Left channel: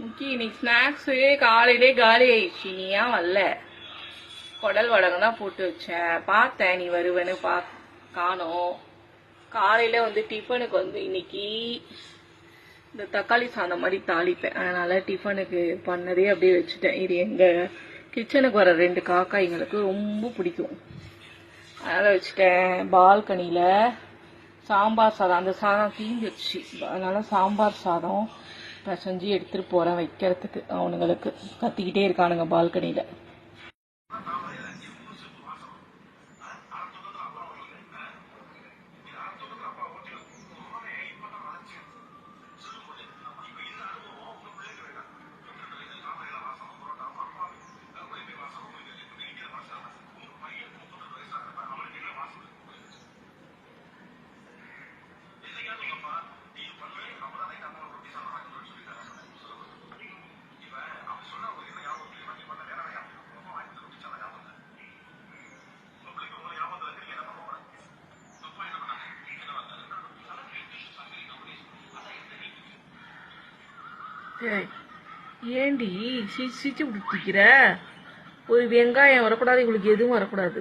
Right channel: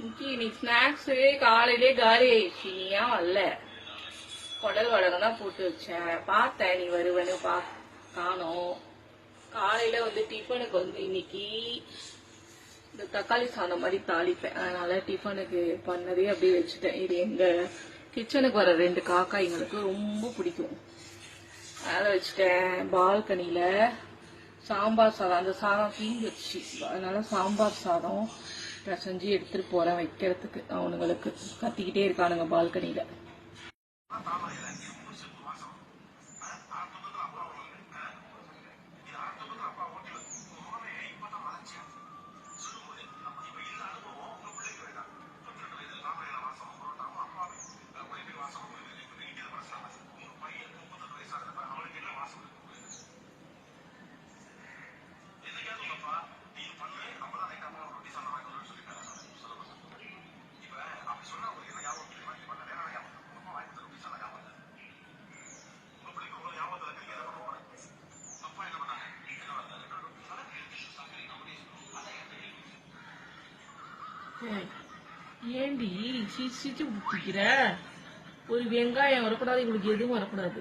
இன்னைக்கு ஸ்நாக்ஸு காலையிலே காலி ஆயிடுச்சு. நீ ஏன் வரல? குடல் வடகம் தான் போட்டு வச்சேன். பார்த்தேன் நீ வருவேன்னு காணோம். காலையில டிஃபனுக்கு இன்னைக்கு இந்த தக்காளி சாதம் மாதிரி தாளிப்பேன். அதனால டிஃபனுக்கு பண்ணதே அப்படியே வச்சுட்டேன். இது எங்க கிச்சனுக்கு வர 2 காக்காய்ங்களுக்கு ரொம்ப பிடிக்கும். அதனால வச்சுட்டேன். பால்கனியில சாம்பார் சாதம், அந்த சாதம் தீஞ்சிடுச்சு. அதனால சாம்பார் சாதம் செஞ்சு எடுத்துட்டு போறேன் வைக்கிறதுக்கு. அவனுங்களுக்கு கத்திக்கிட்டே இருக்கானுங்க பால்கனியில. ஏண்டி சிரிச்சு பிடிக்கிற? ஒரு வெங்காயம் வரக்கூடாது, இவங்களுக்கு எதுவும் வரக்கூடாது.